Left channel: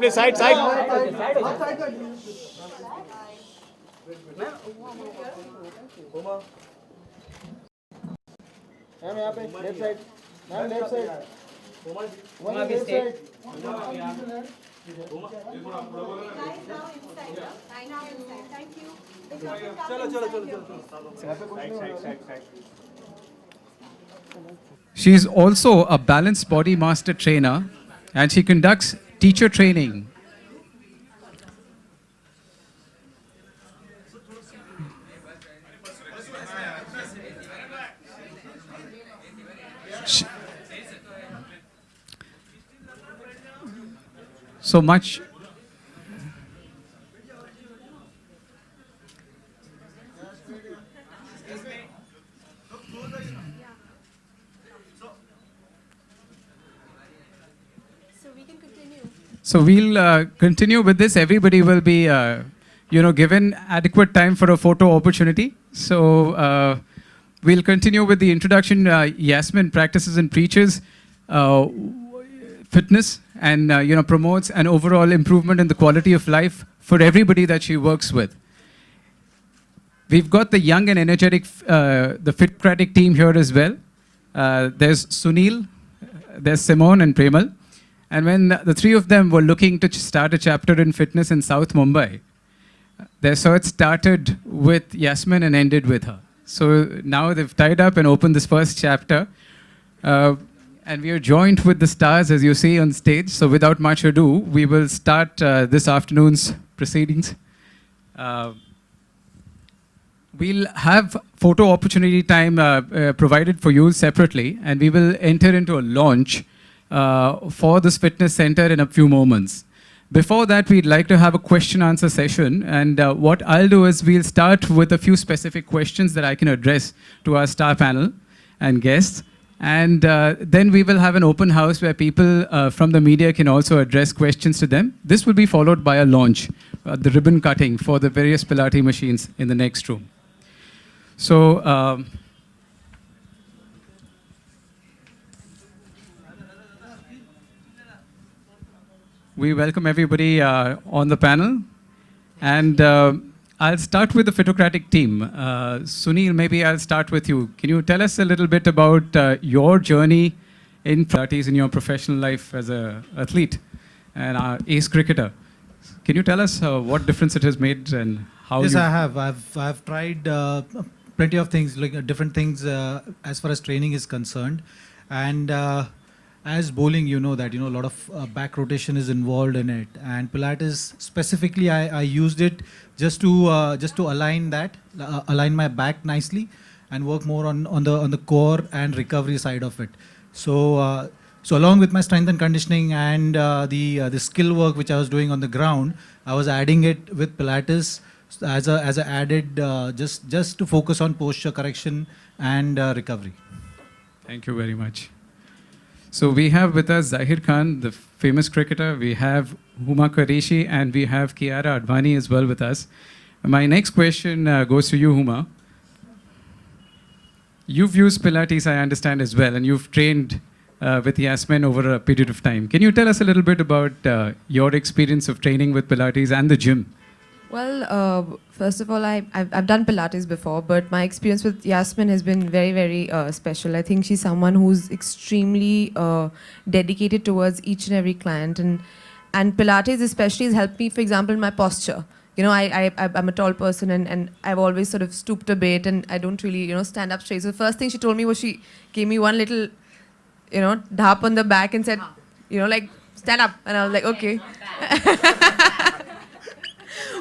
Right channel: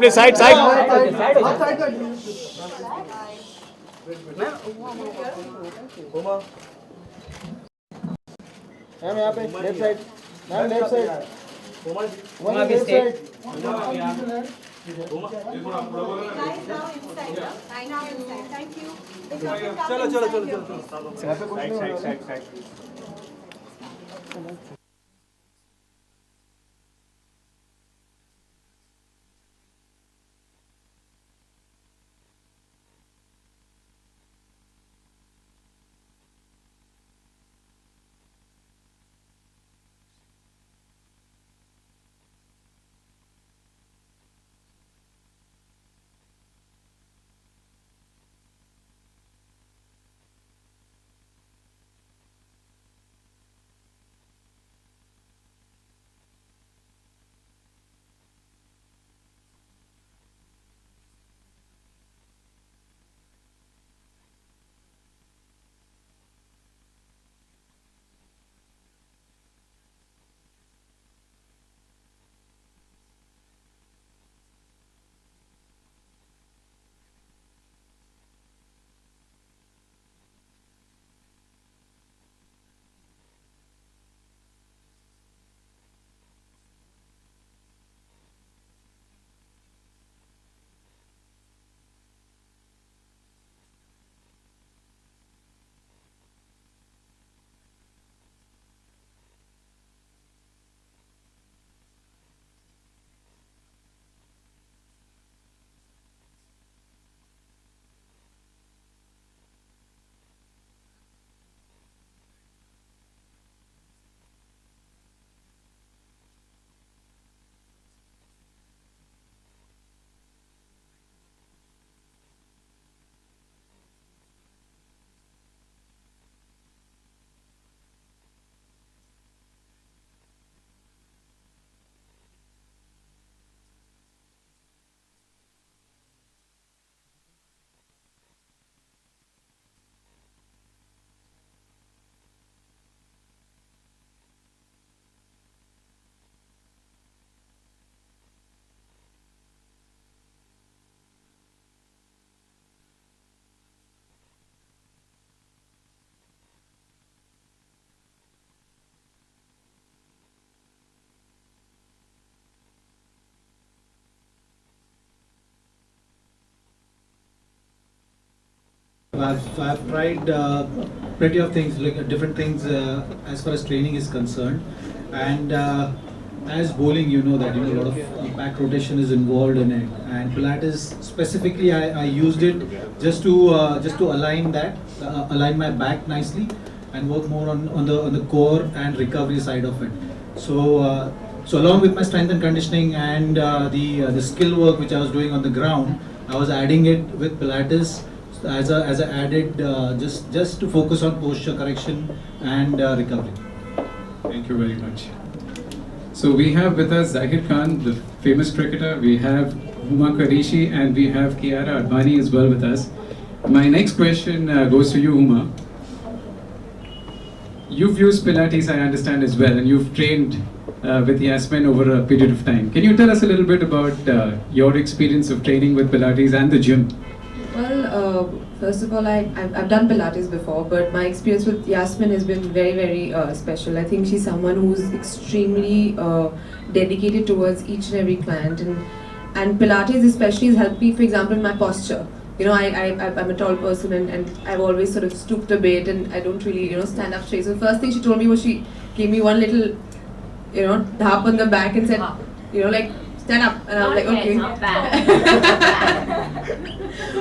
Please, side, side. Ma'am यहाँ पे left side, ma'am left side, Uma भी stay. She is also a balanced body master trainer and she conducts teacher training. She- so much. So we'll continue with this. Everybody will be, given adequate time for a photo opportunity. So we'll continue with the introduction. Yasmin practices and preaches fitness and promotes an overall improvement in the quality of life for everybody that she works with. We've got the young and energetic, the Fitcratic team here as well. There's Sunil, there's Simone and Premal. And when the three of them were looking to start a chapter in fitness in South Mumbai, their search started with Yasmin and ended with her. So now they've tied up and opened this first chapter. And we are joined with the stars, as you see on stage. So without much ado, we will start this afternoon's proceedings. We'll have photo opportunity time provided for you separately, and we will enter into a launch for this fitness center in a few moments. Before that, we'd like to have a question answer session. And what I'll do is we'll start with a few specific questions that I can address to our star panel and guests. And then we will have an open house where people from the media can also address questions to them. This will be followed by a launch, the ribbon cutting for the various Pilates machines in the next room. So, we welcome everybody on the panel. And I'll start with the Fitocratic team. Sunil, maybe I'll start with you. Can you tell us a little bit about your journey in Pilates in your professional life as an athlete and ace cricketer? Can you tell us what difference it has made and how Yes, you... I have. I've tried plenty of things, like different things as far as training is concerned. And as bowling, you know that a lot of back rotation is involved in it. And Pilates specifically, I used it just to align that, align my back nicely, and work more on the core and recovery side of it. So so along with my strength and conditioning and the skill work which I was doing on the ground, I was adding it with Pilates as a added just to focus on posture correction and recovery. Thank you very much. So we have with us Zahir Khan, the famous cricketer. We have Huma Qureshi and we have Kiara Advani as well with us. My next question goes to you, Huma. You've used Pilates, I understand, as well, and you've trained with Yasmin over a period of time. Can you tell us a little bit about your experience of training with Pilates and the gym? Well, first of all, I've done Pilates before, but my experience with Yasmin has been very, very special. I think she's someone who's extremely dedicated towards each and every client, and Pilates especially has helped me, for example, in my posture. I'm a tall person and I've always sort of stooped a bit and I don't really, stand up straight. So the first thing she told me was she gave me one little, dhap on the back and said, like, stand up. And I was like, okay.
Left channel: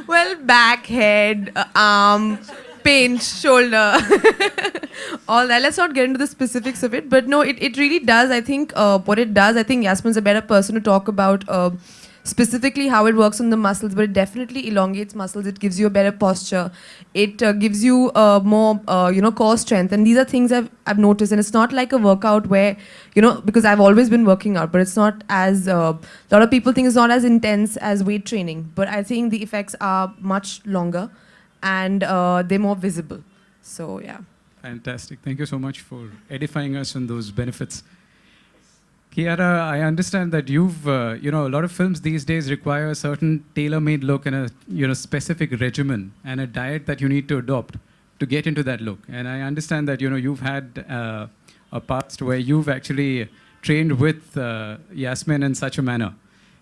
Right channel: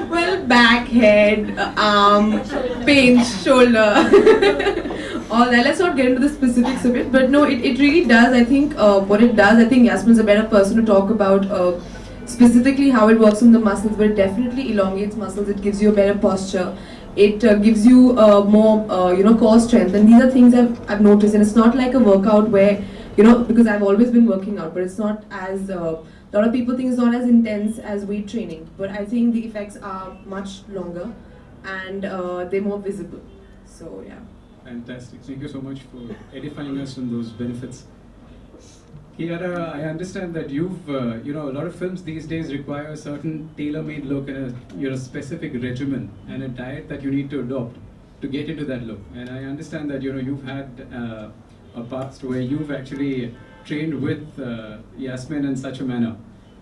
Well, back, head, arm, pinch, shoulder, all that. Let's not get into the specifics of it. But no, it really does. I think what it does, I think Yasmin's a better person to talk about specifically how it works on the muscles, but it definitely elongates muscles. It gives you a better posture. It gives you more, core strength. And these are things I've noticed. And it's not like a workout where, because I've always been working out, but it's not as, a lot of people think it's not as intense as weight training. But I think the effects are much longer and they're more visible. So, yeah. Fantastic. Thank you so much for edifying us on those benefits. Kiara, I understand that you've, a lot of films these days require a certain tailor-made look and a specific regimen and a diet that you need to adopt to get into that look. And I understand that, you've had a past where you've actually trained with Yasmin in such a manner.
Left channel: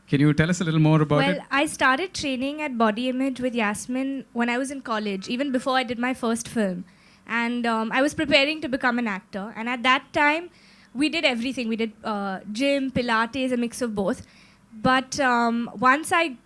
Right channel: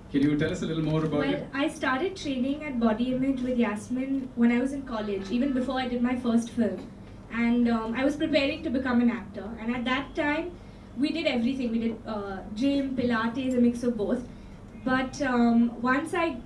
Can you tell us a little more about it? Well, I started training at Body Image with Yasmin when I was in college, even before I did my first film. And I was preparing to become an actor. And at that time, we did everything. We did gym, Pilates, a mix of both. But once I've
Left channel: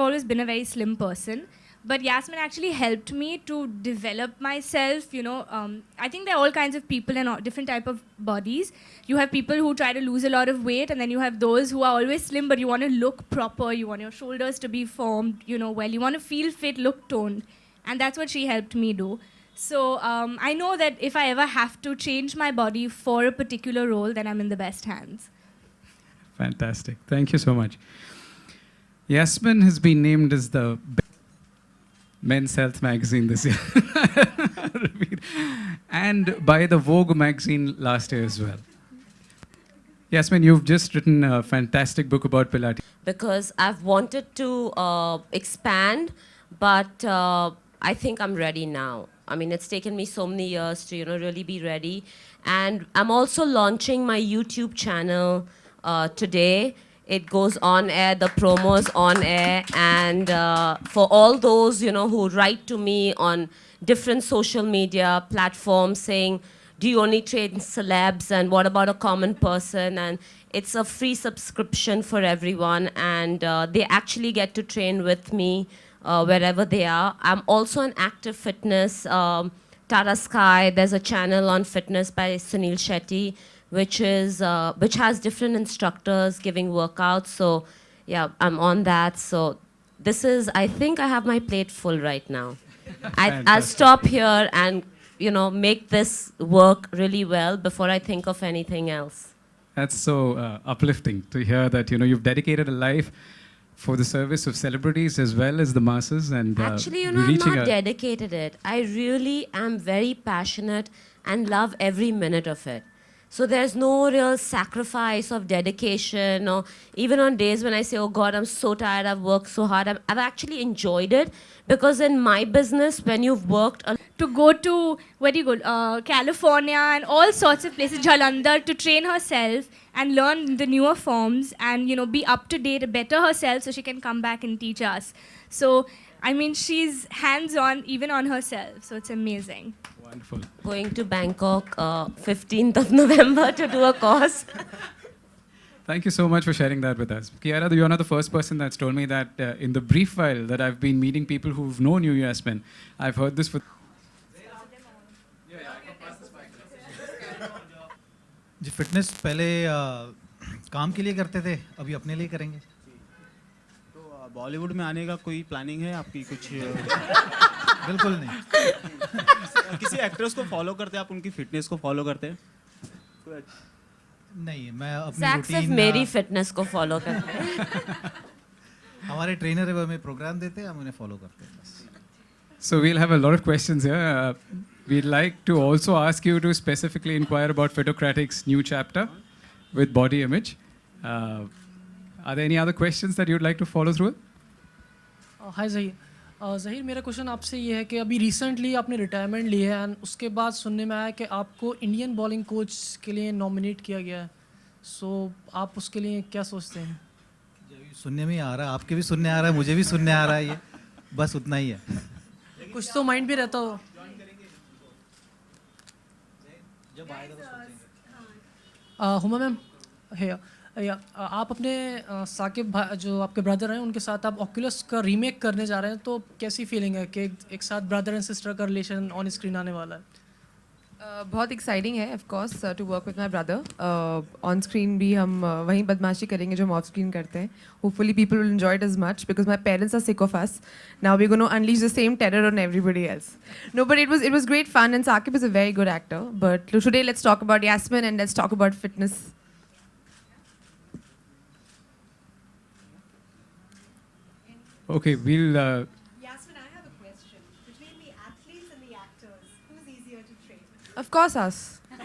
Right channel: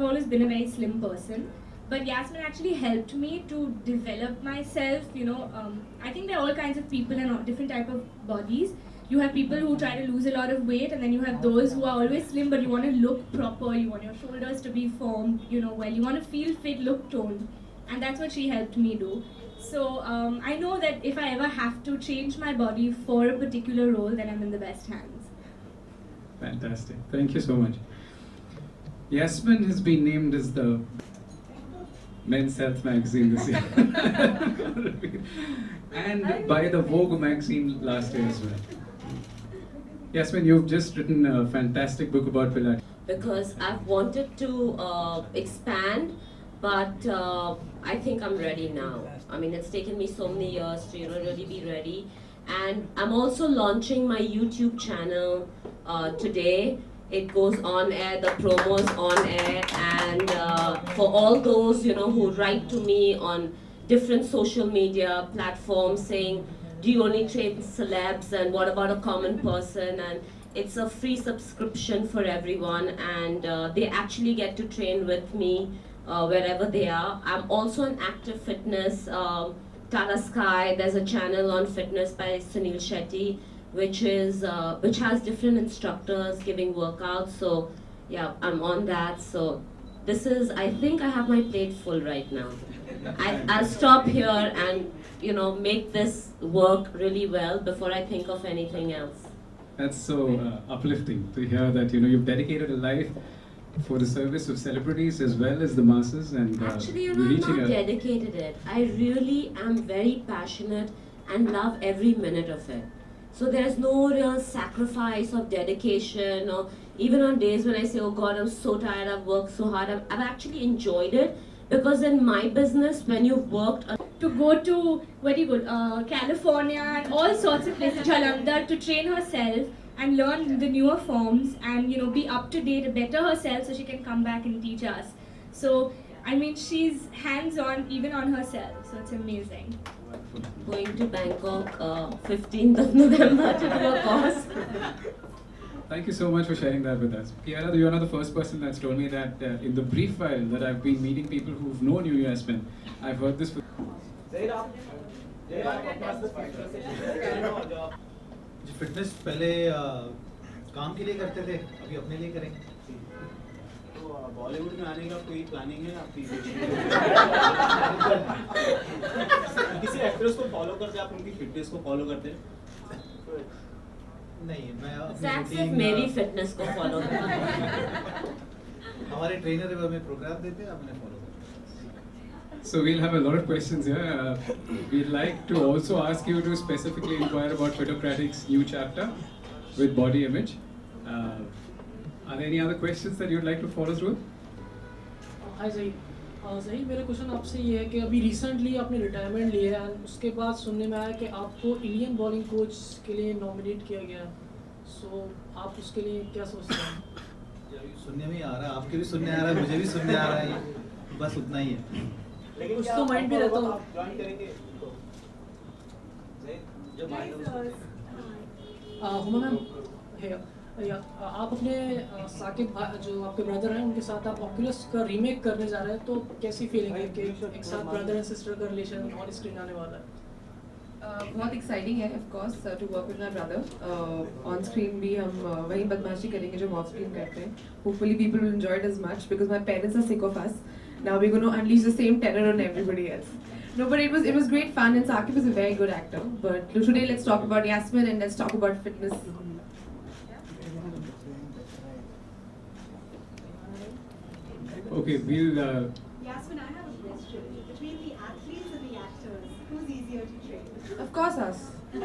always been a very slim person. But Yasmin actually helped me to develop myself. I think there are all kinds of people in all different type of bodies. You have people who try to lose a lot of weight, and then you have those who are always slim, but you want to look proper. You want your shoulders to be formed, well. You want to feel fit, look toned, and that's what she helped me do. So I know that if I ever have to change my body for a particular role, then I'm in the best hands. Fantastic. Thank you so much. Yasmin has been named as the Men's Health magazine this year. And by the Vogue magazine last year as well. Yasmin, you've just written a fantastic book about Pilates. Because I've wanted to expand, but I think I'm ready now. I mean, it's taken me so many years to, really be ready. And I'm also launching my YouTube channel today. It goes on air, the promo's on air, and for all those, who write to me on different social media platforms saying, do you only train celebs, and what about a common person? And it's a free subscription for everyone, and they actually get to train with me wherever they are. I'm also on Active Fitness, Tata Sky. There's a channel on fitness by Sunil Shetty, which has different instructors giving workouts. So yeah, I'm on that. So I think I have my plate full right now. I'll stop here and make this work really well before I think of anything else. That's so uplifting to hear that you've dedicated a life for the service of celebrities as well as the masses, and Actually, I'm not dedicated it. I really am very passionate and love every minute of it. So there's no real sacrifice of dedication, or even on days when I say, oh God, I'm so tired, I've worked so hard, I've actually enjoyed it. Because in my business, when you've worked... To go to, where do you go, California and all sorts of places, Jalandhar, to train herself and learn the newer forms and, be up to date, better herself so she can come back and teach us. So, I mean, she's hands-on even on herself, so it's amazing. Wonderful. Going to Bangkok 15th of November to do a course. Thank you so much for sharing that with us. Kiara, you're not the first person that's told me that in the brief file that I've been meeting people who've known you, Yasmin. I've heard this for... जी fitness पहले काम के लिए करते थे, अभी अपने लिए करेंगे। तो बॉलीवुड में आने का कोई प्लानिंग है आपकी कुछ? बिल्कुल नहीं। किसी एक्ट्रेस को फॉलो करते हैं आप, उनकी फिटनेस को फॉलो करते हैं? नहीं, मैं अपनी Zach सिर्फ रूटीन मेरी फिटनेस को फॉलो करता है। हमारे ट्रेनर हमें प्रोग्राम देते हैं, हम उन्हें फॉलो करते हैं। So we'll have a lot of questions here. We'd like to also ask you to specifically inquire about Fitocratic's new chapter with Body Image. Are there any other questions that you'd like to follow through? हाय ज़हीर, ज़हीर मेरा question आपसे ये है कि अभी recently आपने retirement ली है and उसके बाद सुनने में आया कि आपको इंडियन बॉलिंग कोच के लिए नॉमिनेट किया गया है, सो आप उसके लिए क्या सोचते हैं? सुनने में ही आ रहा है, आपके भी सुनने आ रहा है, मुझे भी सुनने आ रहा है, ये बस उतना ही है। कुछ तो माइंड में रहता हो। हुमा मैम है, आप अपने साकिब भाई जो आपके ब्रदर हैं उनके साथ आप ऑक्यूलस का रीमेक करने जा रहे हैं, तो कैसी फीलिंग है कि एक साथ ब्रदर एंड सिस्टर का रिलेशन ऑन स्क्रीन आने वाला है? बहुत एक्साइटिंग है of course to work with my brother. On screen भी हम वही बदमाशी करेंगे जो हम ऑफ स्क्रीन करते हैं। Hopefully people will enjoy it as much because my parents are sick of us. Now we gonna unleash the same terror on everybody else. No, but it was great fun, and Saqib is a very good actor. But today let's talk about Yasmin and let's talk about fitness. Okay, we'll... Yasmin, I have a question. Between the athletes and the actors, who's easier to train? Of course us.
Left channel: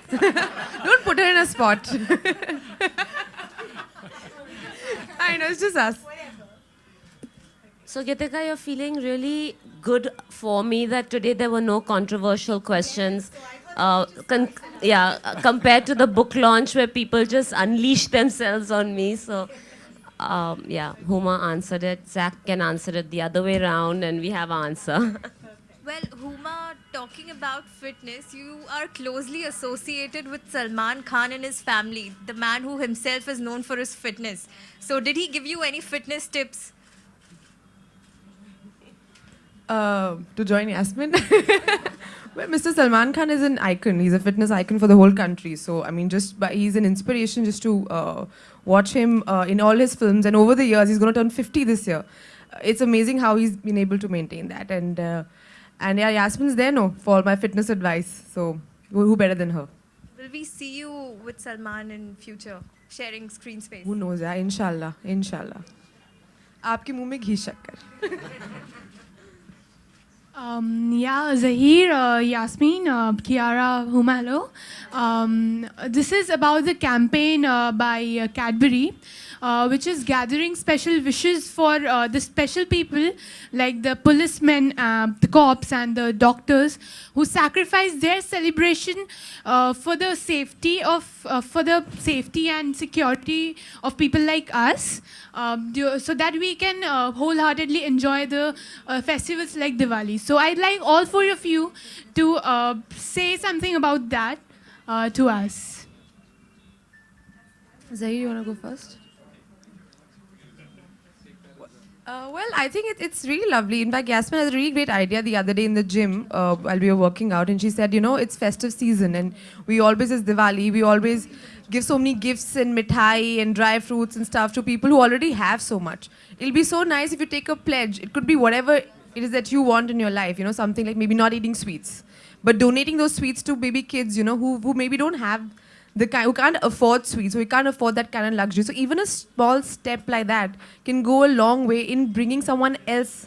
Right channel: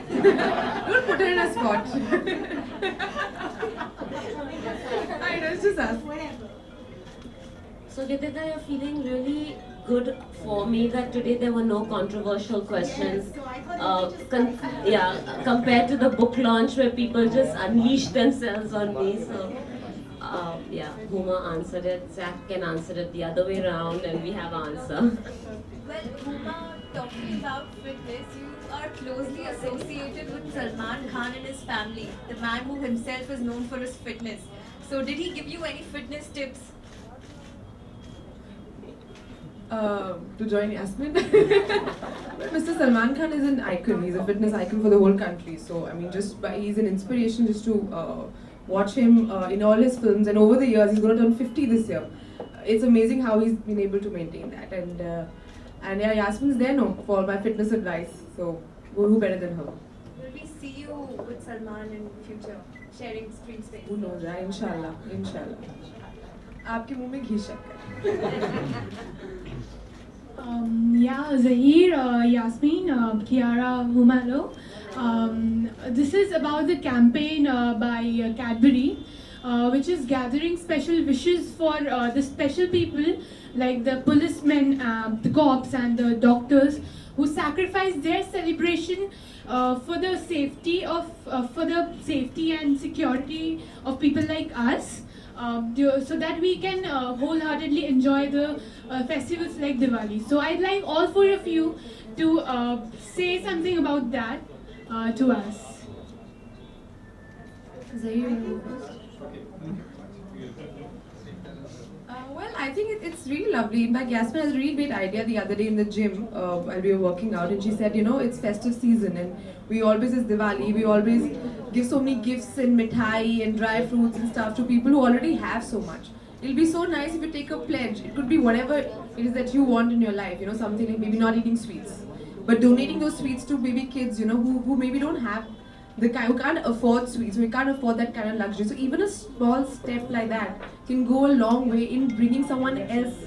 Don't put her in a spot. just us. So Gitika, you're feeling really good for me that today there were no controversial questions. Compared to the book launch where people just unleashed themselves on me. So, Huma answered it. Zach can answer it the other way around, and we have an answer. Well, Huma, talking about fitness, you are closely associated with Salman Khan and his family, the man who himself is known for his fitness. So, did he give you any fitness tips? To join Yasmin. Well, Mr. Salman Khan is an icon. He's a fitness icon for the whole country. So, I mean, he's an inspiration just to watch him in all his films. And over the years, he's going to turn 50 this year. It's amazing how he's been able to maintain that. And yeah, Yasmin's there now for all my fitness advice. So, who better than her? Will we see you with Salman in future, sharing screen space? Who knows? Yeah, inshallah. Inshallah. आपके मुंह में घी शक्कर. Zahir, Yasmin, Kiara, Huma, hello. This is about the campaign by Cadbury, which is gathering special wishes for the special people like the policemen, the cops and the doctors who sacrifice their celebration for the safety and security of people like us. So that we can wholeheartedly enjoy the festivals like Diwali. So I'd like all four of you to say something about that to us. Zahir, you want to go first? Well, I think it's really lovely. In fact, Yasmin has a really great idea the other day in the gym while we were working out, and she said, it's festive season, and we always, as Diwali, we always give so many gifts and mithai and dry fruits and stuff to people who already have so much. It'll be so nice if you take a pledge. It could be whatever it is that you want in your life, something like maybe not eating sweets, but donating those sweets to baby kids, who maybe don't have who can't afford sweets, who can't afford that kind of luxury. So even a small step like that can go a long way in bringing someone else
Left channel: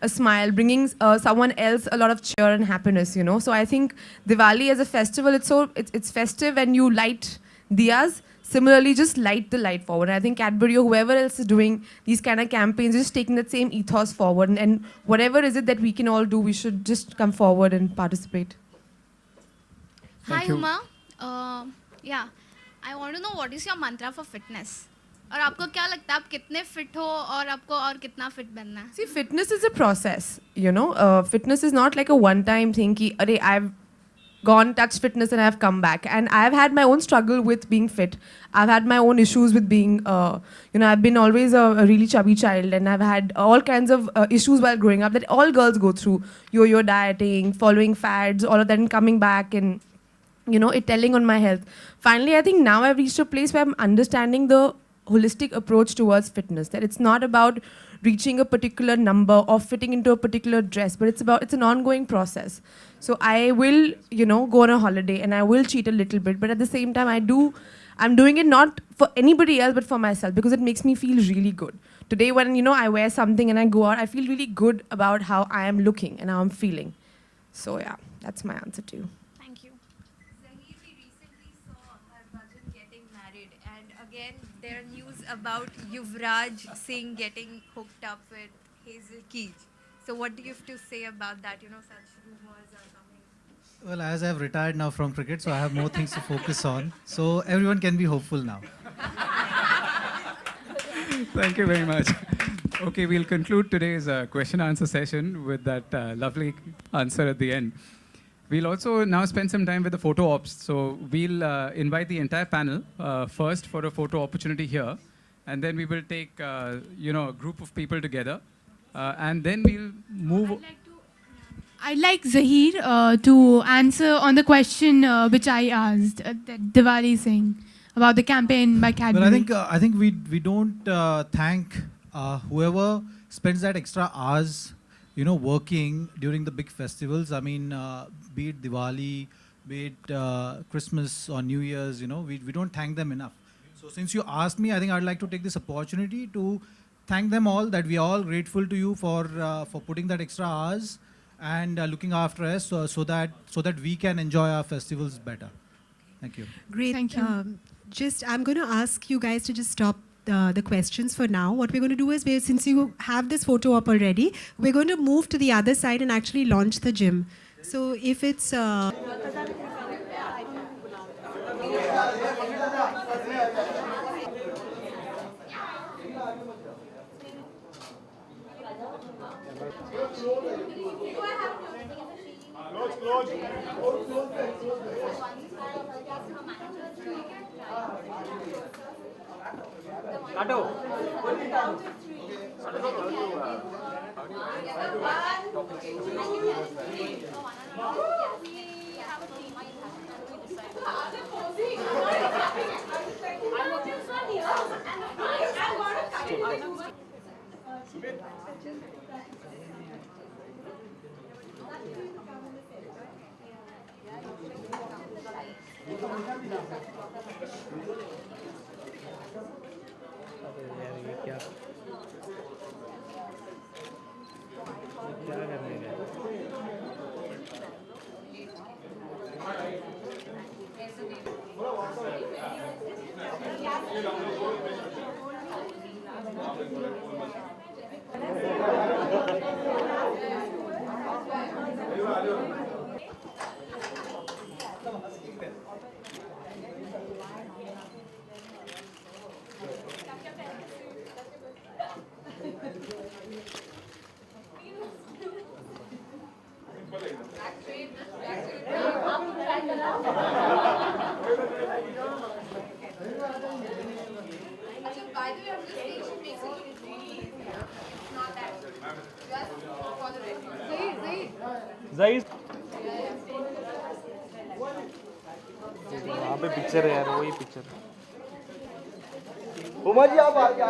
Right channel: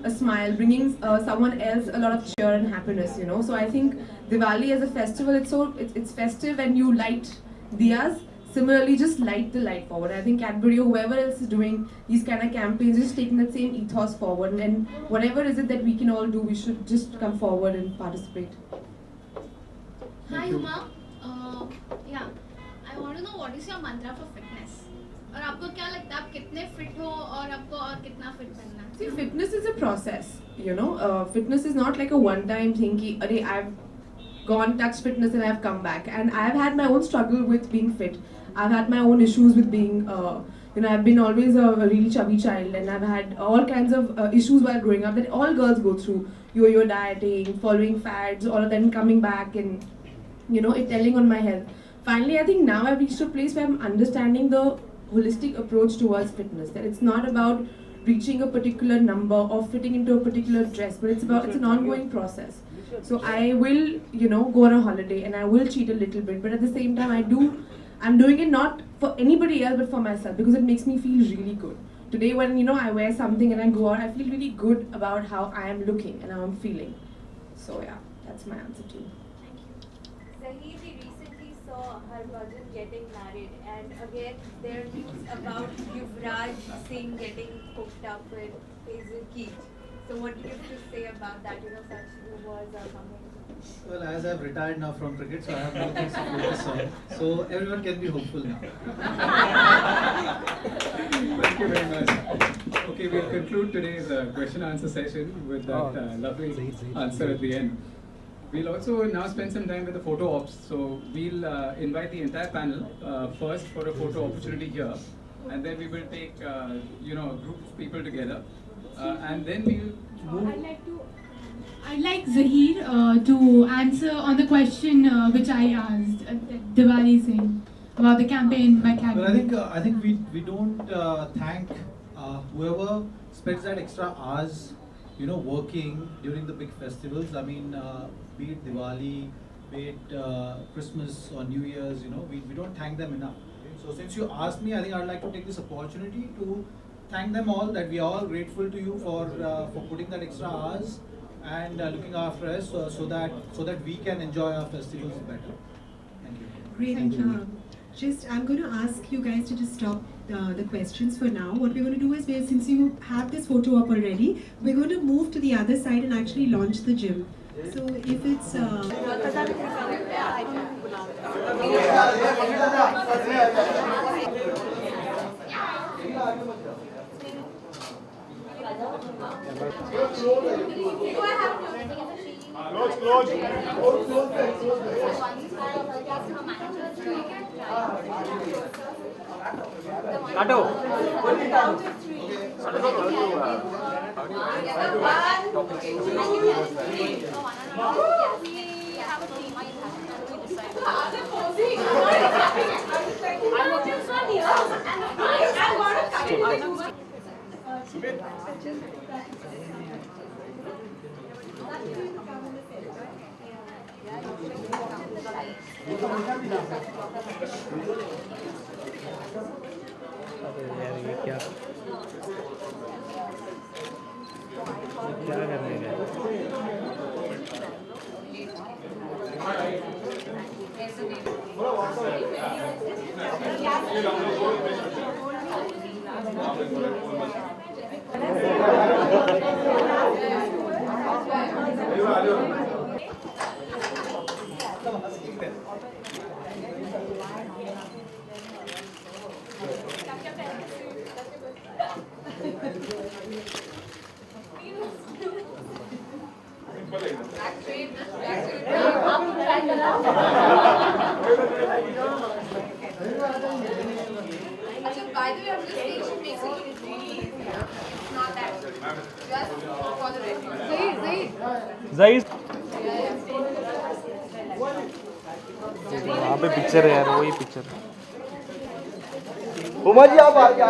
a smile, bringing someone else a lot of cheer and happiness. So I think Diwali as a festival, it's festive and you light diyas. Similarly, just light the light forward. I think Cadbury or whoever else is doing these kind of campaigns, just taking that same ethos forward, and whatever is it that we can all do, we should just come forward and participate. Hi, Huma. I want to know what is your mantra for fitness? और आपको क्या लगता है आप कितने fit हो और आपको और कितना fit बनना है? See, fitness is a process, fitness is not like a one-time thing ki, arey, I've gone, touched fitness and I've come back. And I've had my own struggle with being fit. I've had my own issues with being, I've been always a really chubby child, and I've had all kinds of issues while growing up that all girls go through. Yo-yo dieting, following fads, all of that, and coming back and, it telling on my health. Finally, I think now I've reached a place where I'm understanding the holistic approach towards fitness, that it's not about reaching a particular number or fitting into a particular dress, but it's an ongoing process. So I will, go on a holiday and I will cheat a little bit, but at the same time I'm doing it not for anybody else but for myself, because it makes me feel really good. Today when, I wear something and I go out, I feel really good about how I am looking and how I'm feeling. So yeah, that's my answer to you. Thank you. Zahir, we recently saw Harbhajan getting married, and again there are news about Yuvraj Singh getting hooked up with Hazel Keith. So what do you have to say about that? Such rumors are coming. Well, as I've retired now from cricket, so I have more things to focus on. So everyone can be hopeful now. Thank you very much. Okay, we'll conclude today's question answer session with that lovely answer at the end. We'll also now spend some time with the photo ops. So we'll invite the entire panel first for a photo opportunity here, and then we will take a group of people together, and then we'll move. I'd like Zahir to answer on the question which I asked, Diwali thing, about the campaign by Cadbury. Well, I think we don't thank whoever spends that extra hours, working during the big festivals. I mean, be it Diwali, be it Christmas or New Year's, we don't thank them enough. So since you asked me, I think I'd like to take this opportunity to thank them all, that we are all grateful to you for putting that extra hours and looking after us so that we can enjoy our festivals better. Thank you. Great. Thank you. I'm going to ask you guys to just stop the questions for now. What we're going to do is, since you have this photo up already, we're going to move to the other side and actually launch the gym. So if it's... By the way, I'm just saying she makes it look really easy. It's not that. Just for the record. Zaid. वहाँ पे picture है यार, वही picture. Uma ji आप आगे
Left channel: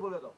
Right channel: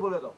बोले तो